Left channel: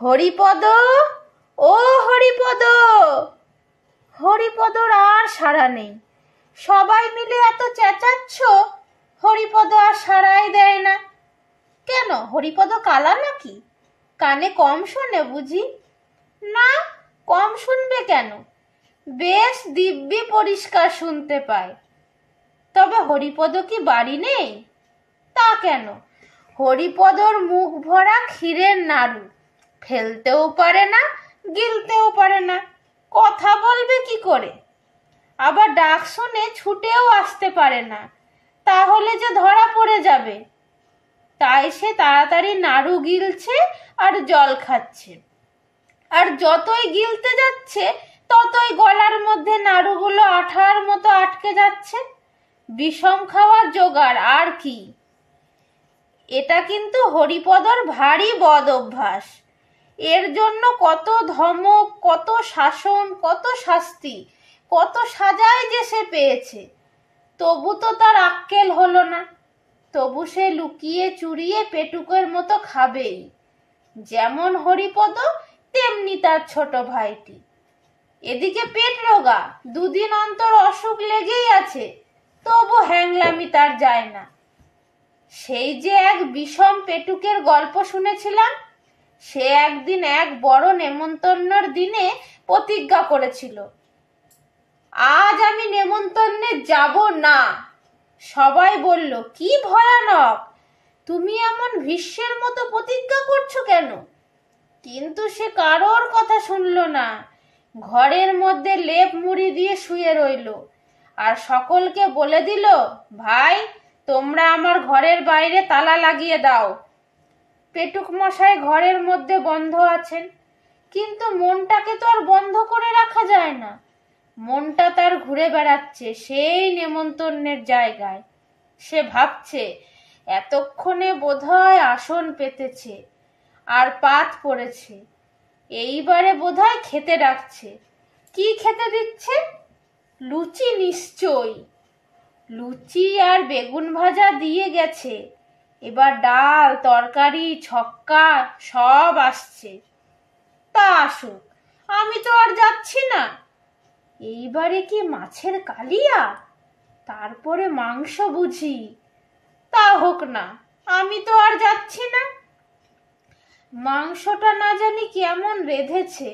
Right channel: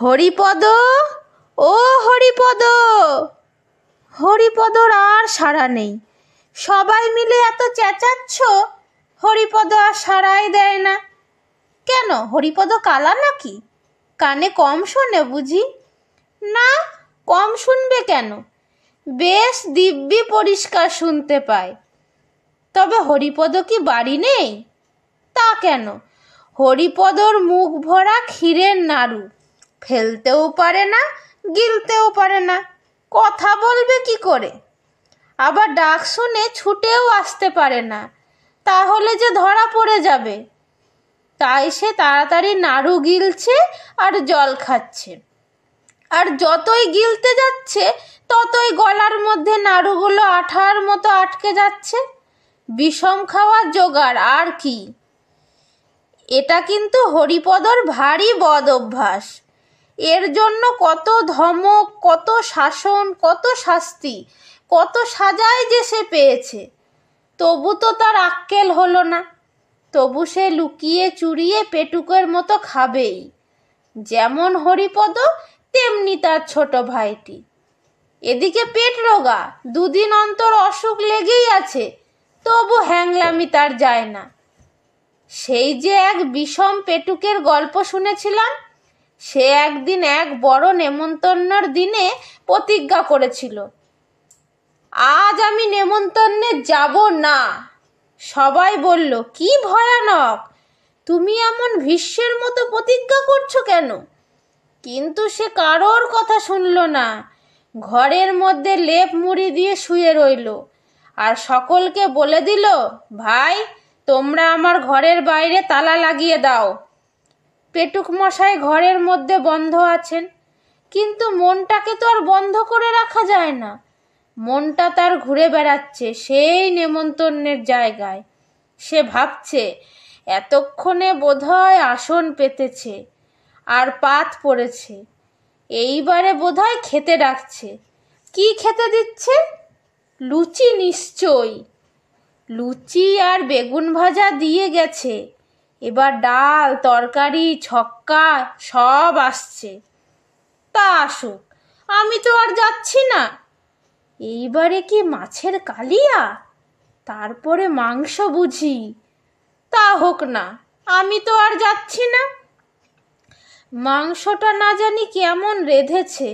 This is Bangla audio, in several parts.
হরিপদ, ও হরিপদ। হরিপদর আর সাড়া নেই। সবাই মিলে এত চেঁচাচ্ছ, হরিপদ আর সাড়াই দেয় না। কেন, হরিপদ কালা নাকি? কানে কম শোনে বুঝি? না, কম শুনবে কেন? বেশ দিব্যি পরিষ্কার শুনতে পায়। তবে হরিপদ কি বাড়ি নেই? তা কেন, হরিপদর মুখ ভরা ক্ষীরের নাড়ু, ফেলতেও পারে না, গিলতেও পারে না, কথা বলবে কি করে? আবার ডাক শুনে ছুটেও আসতে পারে না, তাহলে যে ধরা পড়ে যাবে। তাই সে তাড়াতাড়ি নাড়ু গিলছে আর জল খাচ্ছে। আর যতই গিলতে যাচ্ছে ততই গলার মধ্যে নাড়ুগুলো আঠার মতো আটকে যাচ্ছে। বিষম খাওয়ার জোগাড় আর কি। এটা কিন্তু হরিপদর ভারী বদ অভ্যাস। এর জন্য কত ধমক, কত শাসন, কত শাস্তি, কত সাজাই যে সে পেয়েছে। তবু তো তার আক্কেল হলো না। তবু সে লুকিয়ে চুরিয়ে পেটুকের মতো খাবেই। যেমন হরিপদ তেমনি তার ছোট ভাইটি। এদিকে পেট রোগা, দুদিন অন্তর অসুখ লেগেই আছে, তবু হ্যাংলামি তার যায় না। সেই যে এক বিষম পেটুকের গল্প শুনেছিলাম, সে একদিন এক বড় নেমন্তন্নর দিনে প্রতিজ্ঞা করেছিল, আজ আমি নেমন্তন্নে যাব না। সবাই বলল, কি ভয়ানক, তুমি এমন ভীষ্মের মতো প্রতিজ্ঞা করছো কেন? কিন্তু সে কারোর কথা শুনল না। ঘরের মধ্যে লেপ মুড়ি দিয়ে শুয়ে রইল আর সকলকে বলে দিল, ভাই, তোমরা আমার ঘরের বাইরে তালা লাগিয়ে দাও। পেটুক মশাই ঘরের মধ্যে বন্ধ আছেন, কিন্তু মনটাকে তো আর বন্ধ করে রাখা যায় না। মনটা তার ঘুরে বেড়াচ্ছে সেই নেমন্তন্নের জায়গায়। সে ভাবছে, এতক্ষণে বোধহয় আসন পেতেছে আর পাত পড়েছে, এইবারে বোধহয় খেতে ডাকছে। কি খেতে দিচ্ছে? লুচি নিশ্চয়ই। লুচি আর বেগুন ভাজা দিয়ে গেছে, এবার ডাল, তরকারি, ছক্কা সব আসছে। তা আসুক, আমি তো আর যাচ্ছি না। এইবারে কি মাছের কালিয়া, তারপরে মাংস বুঝি? তা হোক না, আমি তো আর যাচ্ছি না। মাংসটা না জানি কেমন রেঁধেছে।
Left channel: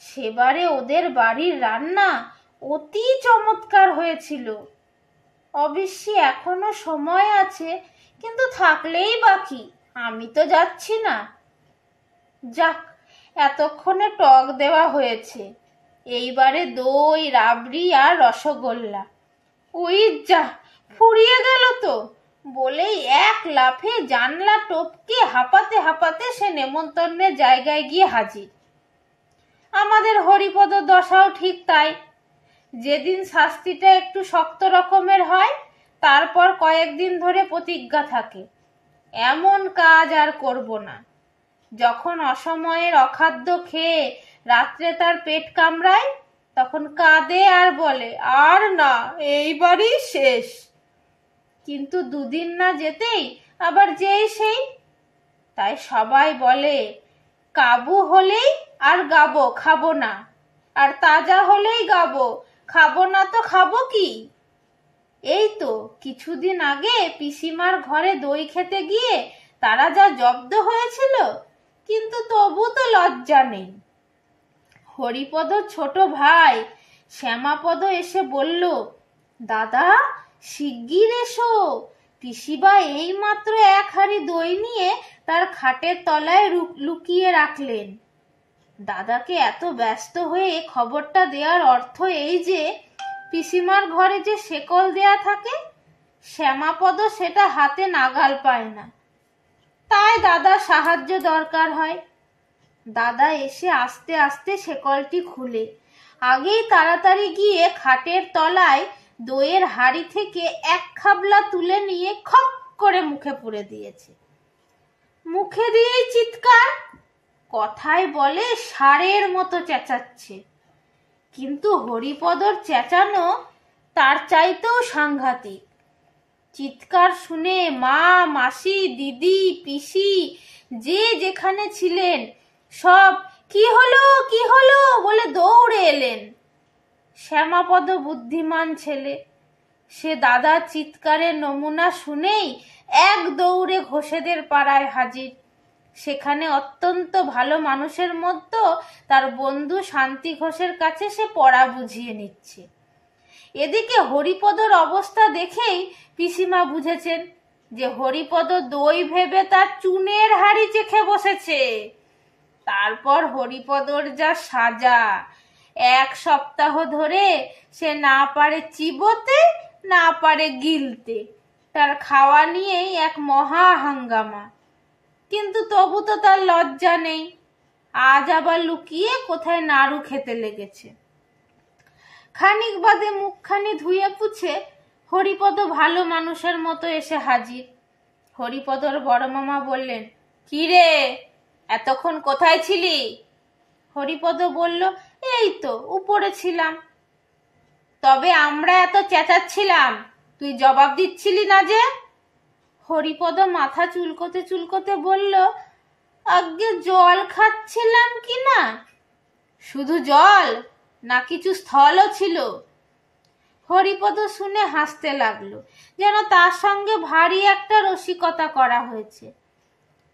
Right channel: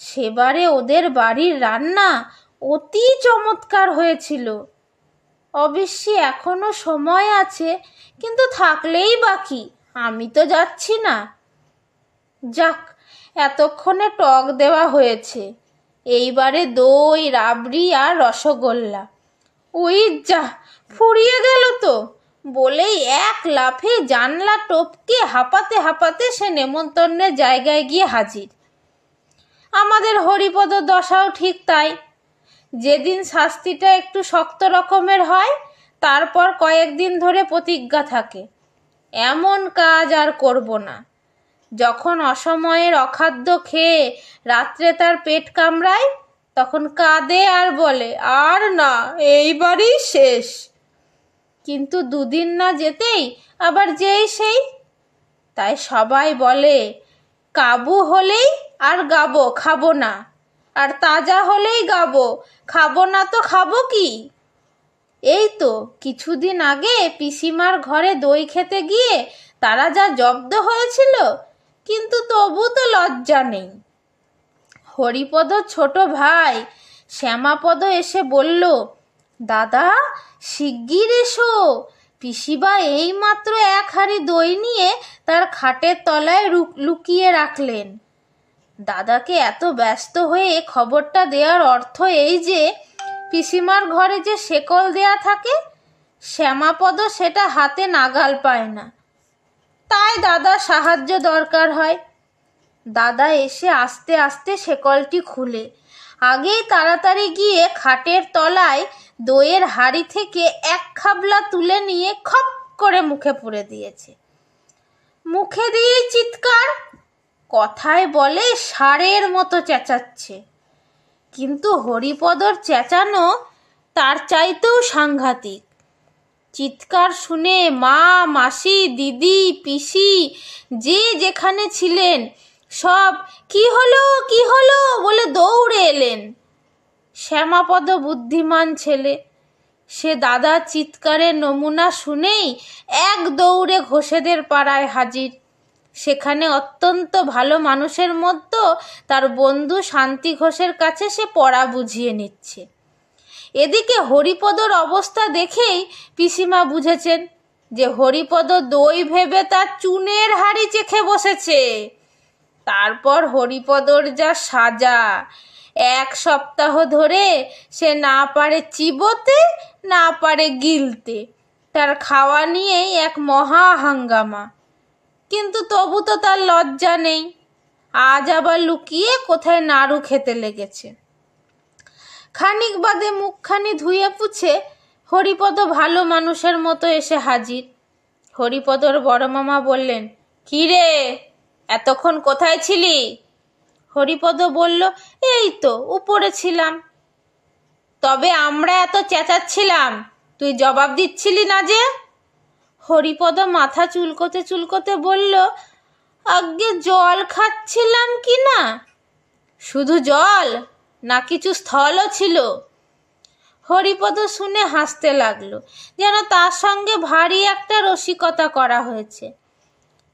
সেবারে ওদের বাড়ির রান্না অতি চমৎকার হয়েছিল। অবশ্যই এখনো সময় আছে, কিন্তু থাকলেই বাকি, আমি তো যাচ্ছি না। যাক, এতক্ষণে টক দেওয়া হয়েছে, এইবারে দই, রাবড়ি আর রসগোল্লা। ওই যা, ফুরিয়ে গেল তো, বলেই এক লাফে জানলা টপকে হাঁপাতে হাঁপাতে সে নেমন্তন্নের জায়গায় গিয়ে হাজির। আমাদের হরিপদ দশাও ঠিক তাই। যেদিন শাস্তিটা একটু শক্ত রকমের হয়, তারপর কয়েকদিন ধরে প্রতিজ্ঞা থাকে, এমন কাজ আর করব না। যখন অসময়ের অখাদ্য খেয়ে রাত্রে তার পেট কামড়ায়, তখন কাঁদে আর বলে, আর না, এইবারই শেষ। কিন্তু দুদিন না যেতেই আবার যেই সেই। তাই সবাই বলে, কাবু হলেই আর গাবো, খাবো না, আর তাজা হলেই গাবো, খাবো না তো খাবো কি? এই তো কিছুদিন আগে পিসিমার ঘরে দই খেতে গিয়ে তারা যা জব্দ হয়েছিল, কিন্তু তবু তো লজ্জা নেই। হরিপদ ছোট ভাই শ্যামাপদ এসে বলল, দাদা, শিগগির এসো, পিসিবা এই মাত্র এক হাঁড়ি দই নিয়ে তার খাটের তলায় লুকিয়ে রাখলেন। দাদাকে এত ব্যস্ত হয়ে খবরটা দেওয়ার অর্থ এই যে, পিসিমার ঘরে যে শেকল দেয়া থাকে, শ্যামাপদ সেটা হাতে নাগাল পায় না। তাই দাদার সাহায্য দরকার হয়। দাদা এসে আস্তে আস্তে শেকলটি খুলে আগেই তাড়াতাড়ি গিয়ে খাটের তলায় দইয়ের হাঁড়ি থেকে এক খাবলা তুলে নিয়ে খপ করে মুখে পুরে দিয়েছে। মুখে দিয়েই চিৎকার, কথায় বলে ষাঁড়ের মতো চেঁচাচ্ছে। কিন্তু হরিপদর চেঁচানো তার চাইতেও সাংঘাতিক। চিৎকার শুনে মা, মাসি, দিদি, পিসি যে যেখানে ছিলেন সব কি হলো কি হলো বলে দৌড়ে এলেন। শ্যামাপদ বুদ্ধিমান ছেলে, সে দাদার চিৎকারের নমুনা শুনেই এক দৌড়ে ঘোষেদের পাড়ায় হাজির। সেখানে অত্যন্ত ভালো মানুষের মধ্যে তার বন্ধু শান্তি ঘোষের কাছে সে পড়া বুঝিয়ে নিচ্ছে। এদিকে হরিপদর অবস্থা দেখেই পিসিমা বুঝেছেন যে হরিপদ দই ভেবে তার চুনের হাড়ি চেখে বসেছে। তারপর হরিপদর যা সাজা, 1 সপ্তাহ ধরে সে না পারে চিবোতে না পারে গিলতে, তার খাওয়া নিয়েই এক মহা হাঙ্গামা। কিন্তু তবু তো তার লজ্জা নেই, আজ আবার লুকিয়ে কোথায় নাড়ু খেতে লেগেছে। খানিক বাদে মুখখানি ধুয়ে পুছে হরিপদ ভালো মানুষের মতো এসে হাজির। হরিপদর বড় মামা বললেন, কি রে, এতক্ষণ কোথায় ছিলি? হরিপদ বলল, এই তো উপরে ছিলাম। তবে আমরা এত চেঁচাচ্ছিলাম, তুই জবাব দিচ্ছিলি না যে? হরিপদ মাথা চুলকোতে চুলকোতে বলল, আজ্ঞে জল খাচ্ছিলাম কি না। শুধু জল না কিছু স্থলও ছিল? হরিপদ শুনে হাসতে লাগলো, যেন তার সঙ্গে ভারী একটা রসিকতা করা হয়েছে।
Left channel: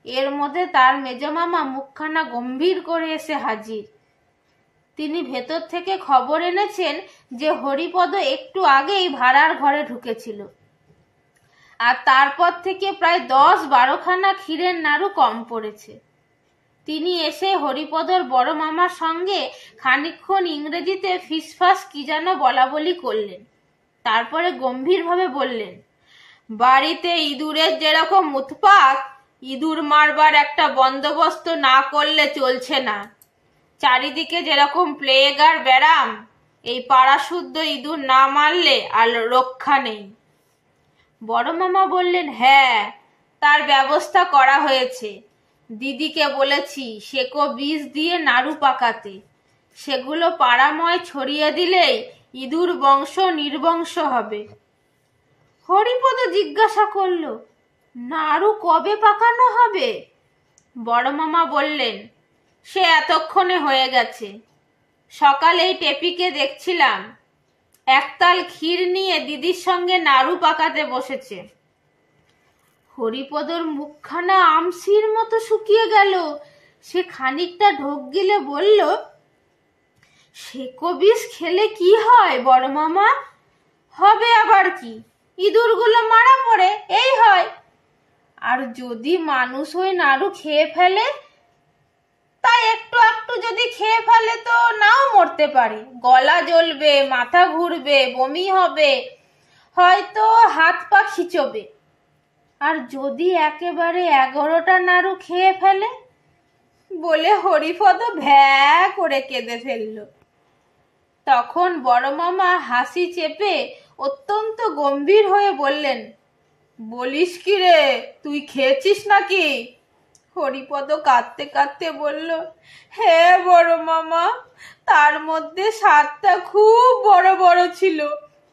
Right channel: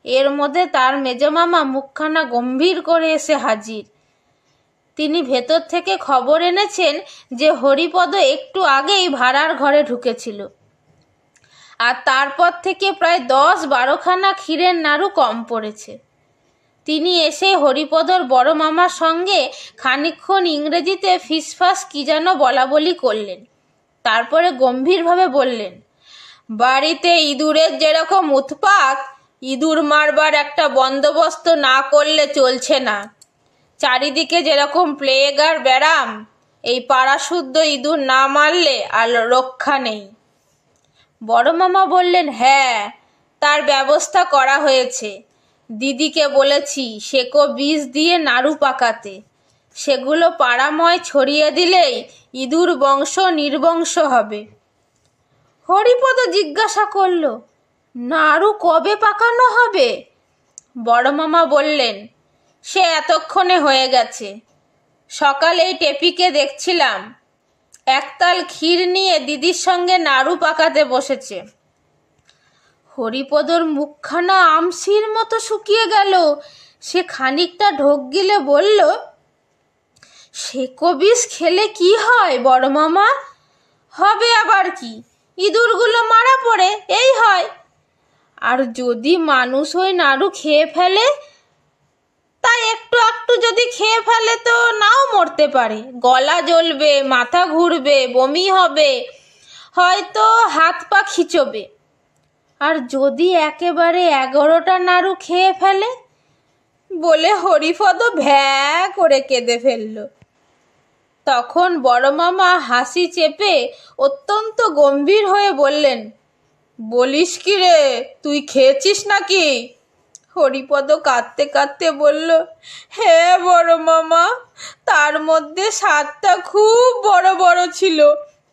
এর মধ্যে তার মেজমামা মুখখানা গম্ভীর করে এসে হাজির। তিনি ভেতর থেকে খবর এনেছেন যে হরিপদ একটু আগেই ভাড়ার ঘরে ঢুকেছিল, আর তারপর থেকে প্রায় 10-12 খানা ক্ষীরের নাড়ু কম পড়েছে। তিনি এসে হরিপদর বড় মামার সঙ্গে খানিকক্ষণ ইংরেজিতে ফিসফাস কি যেন বলা বলি করলেন। তারপরে গম্ভীরভাবে বললেন, বাড়িতে ইঁদুরের যেরকম উৎপাত, ইঁদুর মারবার একটা বন্দোবস্ত না করলে চলছে না। চারিদিকে যেরকম প্লেগ আর ব্যারাম, এই পাড়া শুদ্ধ ইঁদুর না মারলে আর রক্ষা নেই। বড় মামা বললেন, হ্যাঁ, তার ব্যবস্থা করা হয়েছে। দিদিকে বলেছি সেকো বীজ দিয়ে নাড়ু পাকাতে, সেগুলো পাড়াময় ছড়িয়ে দিলেই ইঁদুর বংশ নির্বংশ হবে। হরিপদ জিজ্ঞাসা করল, নাড়ু কবে পাকানো হবে? বড় মামা বললেন, সে এতক্ষণে হয়ে গেছে। সকালেই টেপিকে দেখছিলাম, একতাল ক্ষীর নিয়ে দিদির সঙ্গে নাড়ু পাকাতে বসেছে। হরিপদর মুখখানা আমসির মতো শুকিয়ে গেল। সে খানিকটা ঢোক গিলে বলল, সেকো বিষ খেলে কি হয় বড় মামা? হবে আবার কি, ইঁদুরগুলো মারা পড়ে, এই হয়। আর যদি মানুষ ওই নাড়ু খেয়ে ফেলে, তাই একটু একটু যদি খেয়ে ফেলে তো নাও মরতে পারে, গলা জ্বলবে, মাথা ঘুরবে, বমি হবে, হয়তো হাত পা খিচবে। আর যদি একেবারে 11টা নাড়ু খেয়ে ফেলে, বলে হরিপদ ভ্যা করে কেঁদে ফেলল। তখন বড় মামা হাসি চেপে অত্যন্ত গম্ভীর হয়ে বললেন, বলিস কি রে, তুই খেয়েছিস নাকি? হরিপদ কাঁদতে কাঁদতে বলল, হ্যাঁ বড় মামা, তার মধ্যে 7টা খুব বড় বড় ছিল।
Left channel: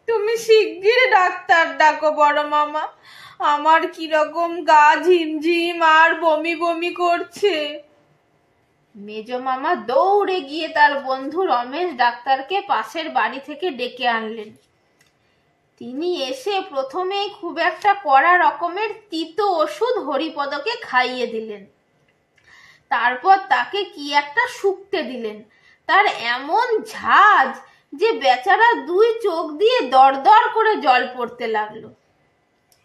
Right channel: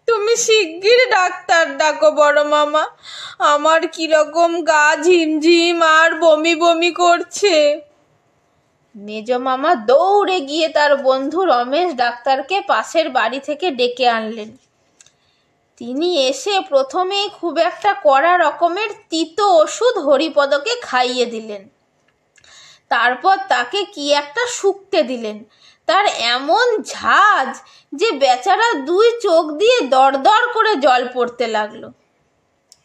তুমি শিগগির ডাক্তার ডাকো বড় মামা, আমার কিরকম গা ঝিমঝিম আর বমি বমি করছে। মেজ মামা দৌড়ে গিয়ে তার বন্ধু রমেশ ডাক্তারকে পাশের বাড়ি থেকে ডেকে আনলেন। তিনি এসে প্রথমেই খুব একটা কড়া রকমের তিতো ওষুধ হরিপদকে খাইয়ে দিলেন। তারপর তাকে কি একটা শুকতে দিলেন। তার এমন ঝাঁজ যে বেচারা 2 চোখ দিয়ে দরদর করে জল পড়তে লাগলো।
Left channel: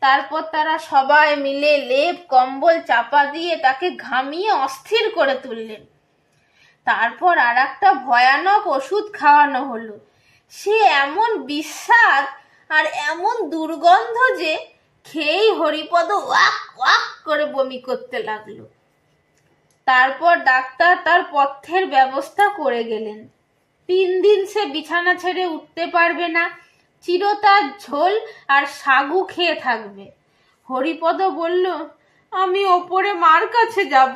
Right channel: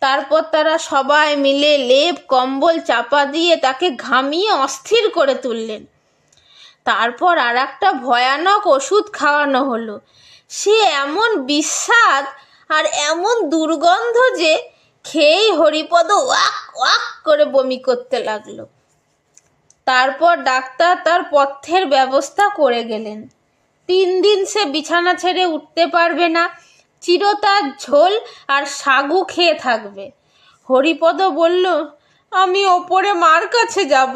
তারপর তারা সবাই মিলে লেপ কম্বল চাপা দিয়ে তাকে ঘামিয়ে অস্থির করে তুললেন। তারপর আর একটা ভয়ানক ওষুধ খাওয়ানো হলো। সে এমন বিস্বাদ আর এমন দুর্গন্ধ যে খেয়েই হরিপদ ওয়াক ওয়াক করে বমি করতে লাগলো। তারপর ডাক্তার তার পথ্যের ব্যবস্থা করে গেলেন। 3 দিন সে বিছানা ছেড়ে উঠতে পারবে না, চিরতার ঝোল আর সাগু খেয়ে থাকবে। হরিপদ বলল, আমি ওপরে মার কাছে যাব।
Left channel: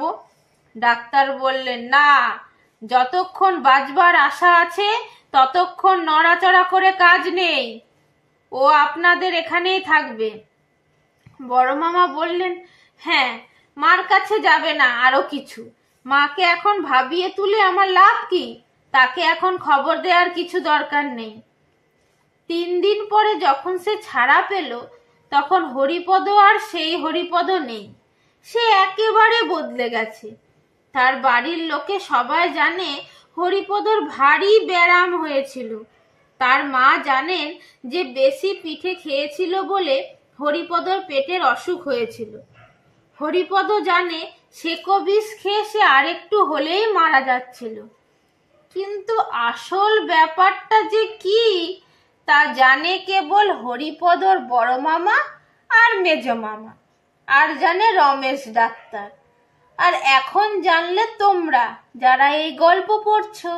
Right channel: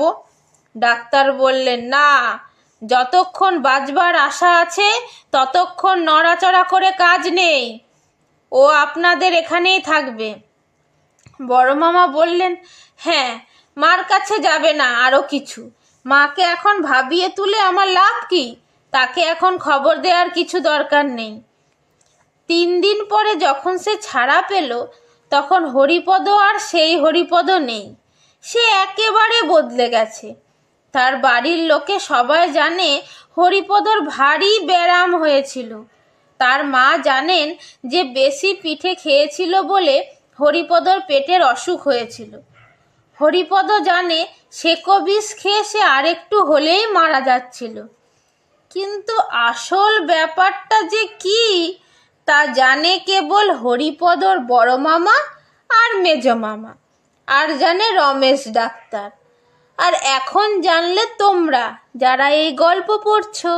ডাক্তার বললেন, না, যতক্ষণ বাঁচবার আশা আছে ততক্ষণ নড়াচড়া করে কাজ নেই, ও আপনাদের এখানেই থাকবে। বড় মামা বললেন, হ্যাঁ, মার কাছে যাবে না, আরো কিছু মাকে এখন ভাবিয়ে তুলে আমার লাভ কি? তাকে এখন খবর দেওয়ার কিছু দরকার নেই। 3 দিন পরে যখন সে ছাড়া পেল, তখন হরিপদ আর সেই হরিপদ নেই। সে একেবারে বদলে গেছে। তার বাড়ির লোকে সবাই জানে হরিপদর ভারী ব্যারাম হয়েছিল। তার মা জানেন যে বেশি পিঠে খেয়েছিল বলে হরিপদর পেটের অসুখ হয়েছিল। হরিপদ জানে সেকো বিষ খেয়ে সে আরেকটু হলেই মারা যাচ্ছিল। কিন্তু আসল ব্যাপারটা যে কি তা জানে কেবল হরিপদর বড় মামা আর মেজ মামা, আর জানে রমেশ ডাক্তার। আর এখন জানলে তোমরা, যারা এই গল্প পড়ছো।